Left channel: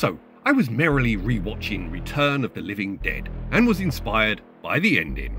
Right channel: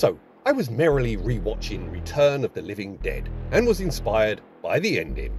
So, I was merrily rewatching Return of the Living Dead and was inspired by the ending.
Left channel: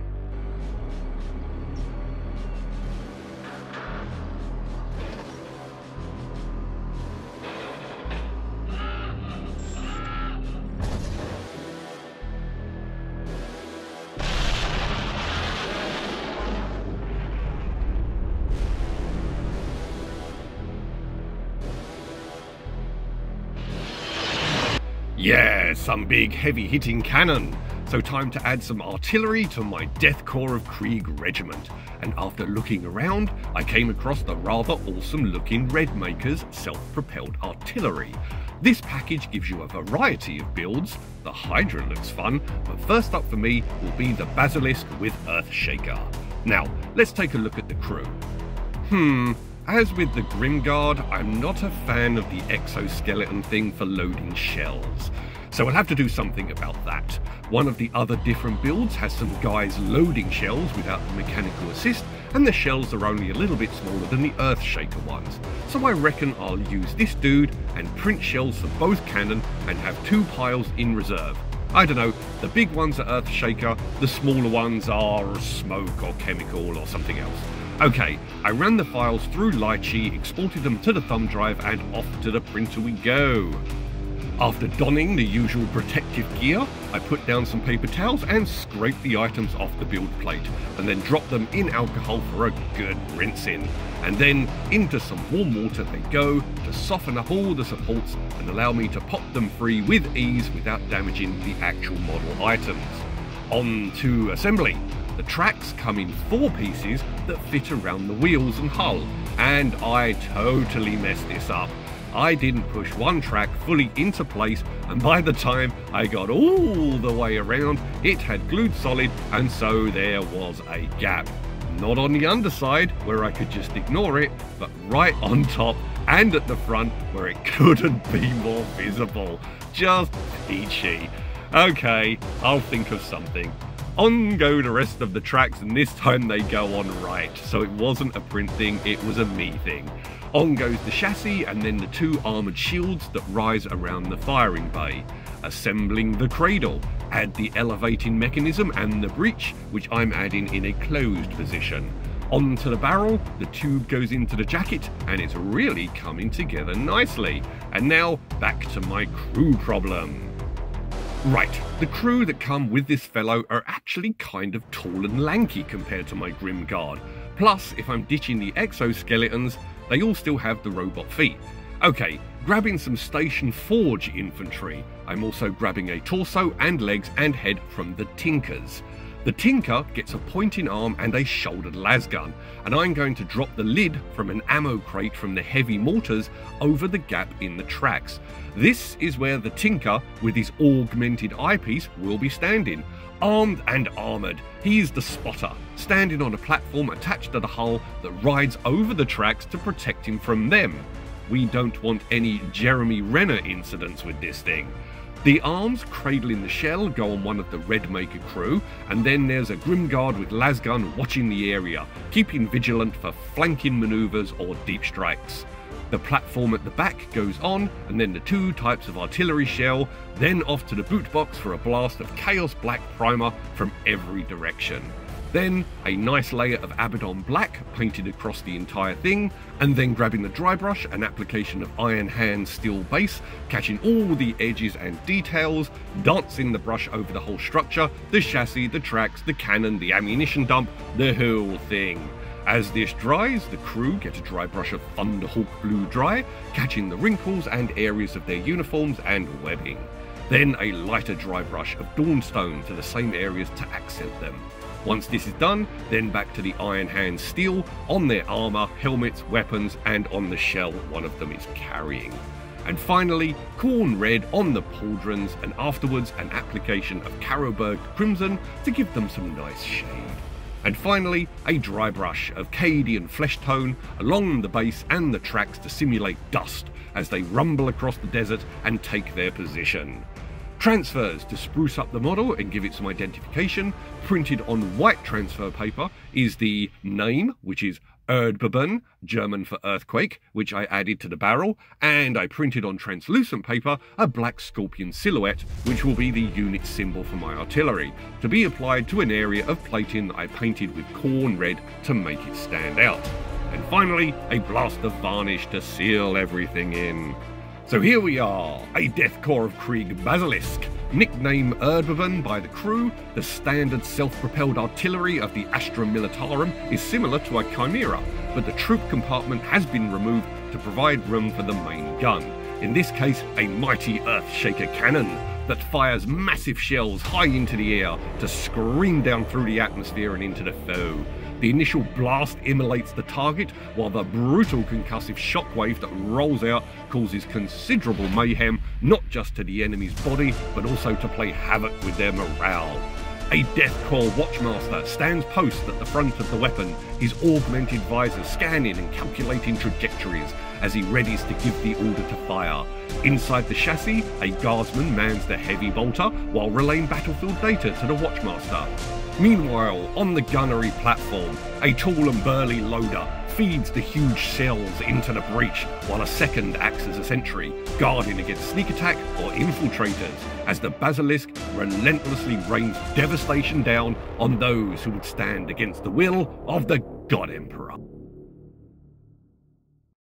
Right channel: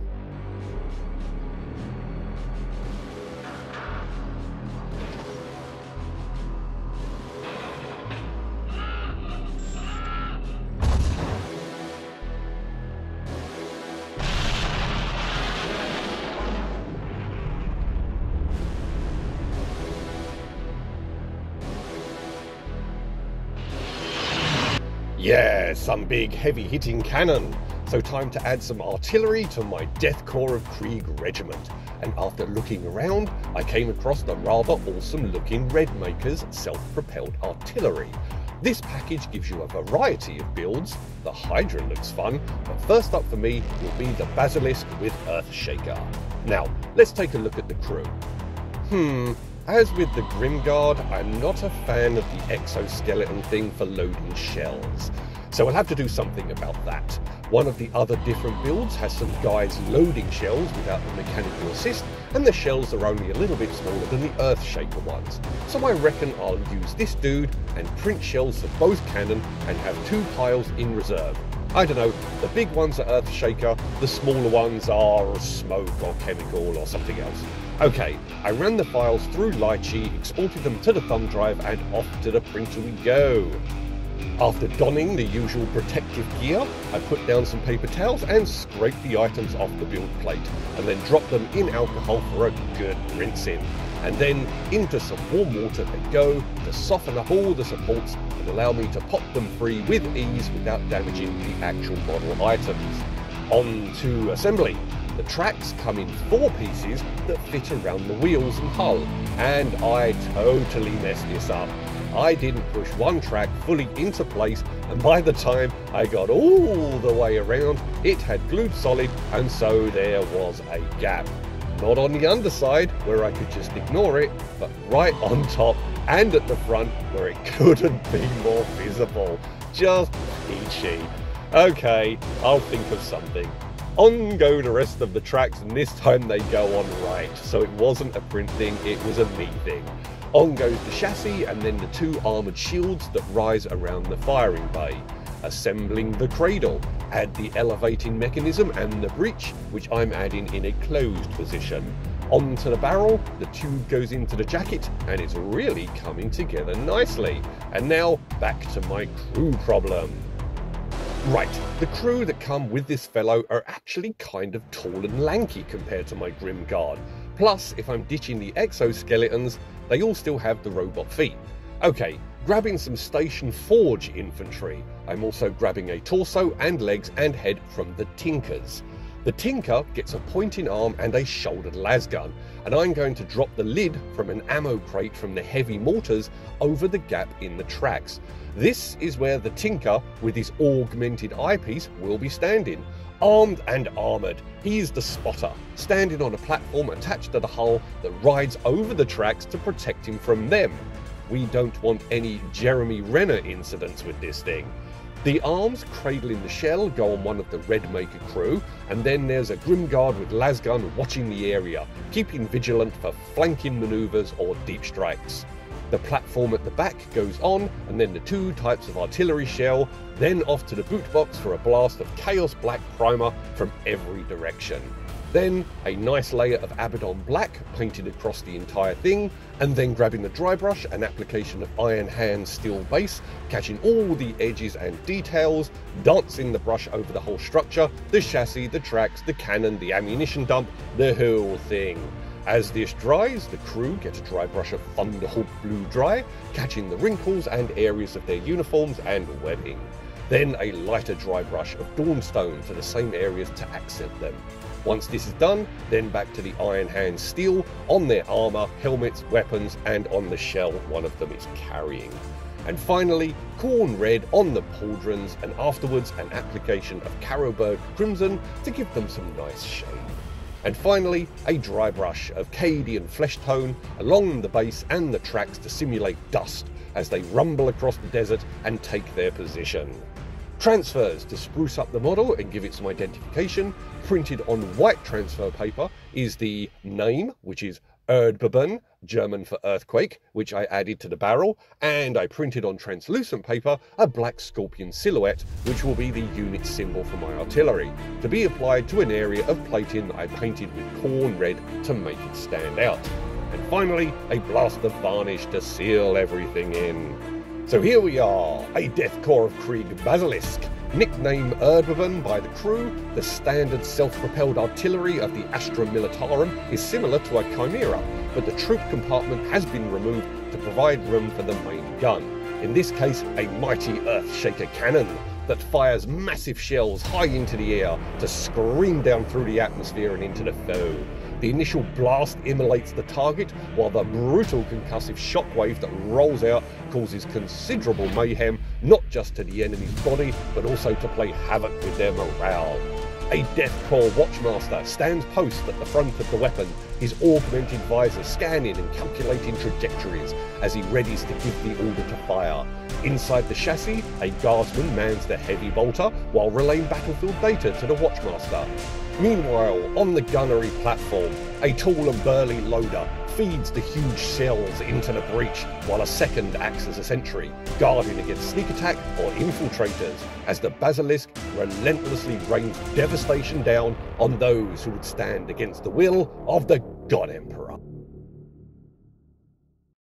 Yeah, some big heavy-hitting cannon. So time to add some artillery to my Death Korps of Krieg regiment. And after looking around, I came across the rather awesome-looking Red Makers Self Propelled artillery. This package gives you a variety of builds. The Hydra looks fun, but first up for me will be the Basilisk with Earthshaker. Now, let's take a look at the crew. As with the Grimguard, I'm not a fan of the exoskeleton thing for loading shells, so I'll have to do something about that. One of the other different builds has some guys loading shells without the mechanical assist, and the shells are only a little bit smaller than the Earthshaker ones, so I reckon I'll use this dude and print shells for both cannon and have 2 piles in reserve. I don't know, the big ones are Earthshaker, the smaller ones are smoke or chemical or something else. Okay, I ran the files through Lychee, exported them to the thumb drive, and off to the printer we go. After donning the usual protective gear, I put down some paper towels and scraped the items off the build plate, and then dropped them in alcohol for a good rinsing. And then into some warm water they go to soften up all the supports and allow me to pop them free with ease without damaging the actual model items. On to assembly. The tracks come in 4 pieces that fit around the wheels and hull, and I totally messed this up. I didn't push one track fully into place, and by the time I got all the way around, it had glued solid, and so there was a gap. Not on the underside, where I could just ignore it, but right on top and at the front, where it couldn't be more visible. Just peachy. Okay, I'll think of something. On go the rest of the tracks, and this time they go on right, so it wasn't a print thing, it was a me thing. On goes the chassis and then the 2 armoured shields that rise around the firing bay. Assembling the cradle, add the elevating mechanism and the breech, which I'm adding in a closed position. Onto the barrel, the tube goes into the jacket, and it's really coming together nicely. And now, back to my crew problem. Right, the crew that come with this fellow are actually kind of tall and lanky compared to my Grimguard. Plus, if I'm ditching the exoskeletons, they all still have the robot feet. Okay, grabbing some Station Forge infantry. I'm also grabbing a torso and legs and head from the Tinkers. The Tinker gets a pointing arm and a shouldered lasgun, and I'm going to drop the lid from an ammo crate from the heavy mortars over the gap in the tracks. This is where the Tinker, with his augmented eyepiece, will be standing. Armed and armoured, he's the spotter, standing on a platform attached to the hull that rides over the tracks to protect him from them. We don't want any Jeremy Renner incidents with this thing. The arms cradling the shell go on one of the Red Maker crew, and then there's a Grimguard with lasgun watching the area, keeping vigilant for flanking manoeuvres or deep strikes. The platform at the back goes on, and then the 2 types of artillery shell, then off to the boot box for a blast of Chaos Black primer from every direction. Then a nice layer of Abaddon Black painted across the entire thing, and then grabbing the dry brush, an application of Iron Hand Steel Base, catching all the edges and details, dancing the brush over the whole structure, the chassis, the tracks, the cannon, the ammunition dump, the whole thing. As this dries, the crew get a dry brush of Thunderhawk Blue Dry, catching the wrinkles and areas of their uniforms and webbing. Then a lighter dry brush of Dawnstone to the same areas to accent them. Once this is done, then back to the Iron Hand Steel on their armour, helmets, weapons, and on the shell one of them is carrying. And finally, Corn Red on the pauldrons, and afterwards an application of Carroburg Crimson to give them some nice shade. And finally, a dry brush of Cadian Flesh Tone along the base and the tracks to simulate dust as they rumble across the desert and take their position. Transfers to spruce up the model and give it some identification. Printed on white transfer paper is the name, which is Erdbeben, German for earthquake, which I added to the barrel, and I printed on translucent paper a black scorpion silhouette, which will be the unit symbol for my artillery, to be applied to an area of plating that I painted with corn red to make it stand out. And finally, a blast of varnish to seal everything in. So here we are, a Death Korps of Krieg Basilisk. Nicknamed Erdbeben by the crew, the standard self-propelled artillery of the Astra Militarum is similar to a Chimera, but the troop compartment has been removed to provide room for the main gun. In this case, a mighty earthshaker cannon that fires massive shells high into the air to scream down through the atmosphere and into the foe. The initial blast immolates the target, while the brutal concussive shockwave that rolls out causes considerable mayhem, not just to the enemy's body, but also to play havoc with their morale. A Death Korps Watchmaster stands post at the front of the weapon, his augmented visor scanning and calculating trajectories as he readies to give the order to fire. Inside the chassis, a guardsman mans the heavy bolter while relaying battlefield data to the Watchmaster. Meanwhile, on the gunnery platform, a tall and burly loader feeds the huge shells into the breach, while a second acts as a sentry, guarding against sneak attack or infiltrators, as the Basilisk relentlessly rains devastation down on those who would stand against the will of the God Emperor.